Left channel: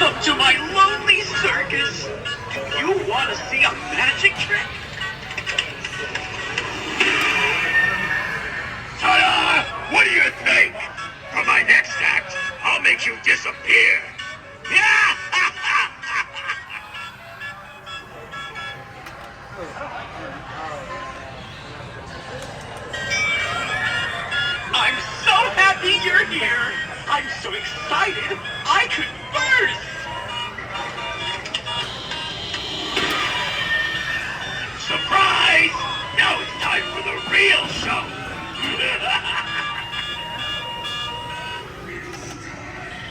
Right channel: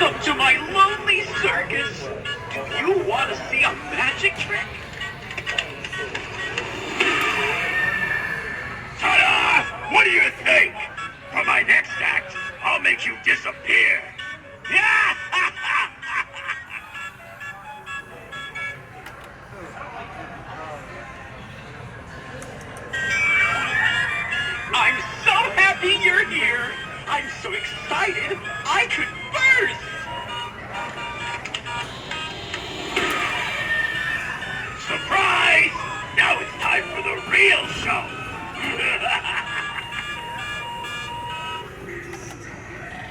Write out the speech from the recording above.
Welcome to my lonely circus. Do you want to see a magic trick? Ta-da! What do you think? For my next act, I'll make you disappear. Yeah! I'm so happy you're here. I'm so excited.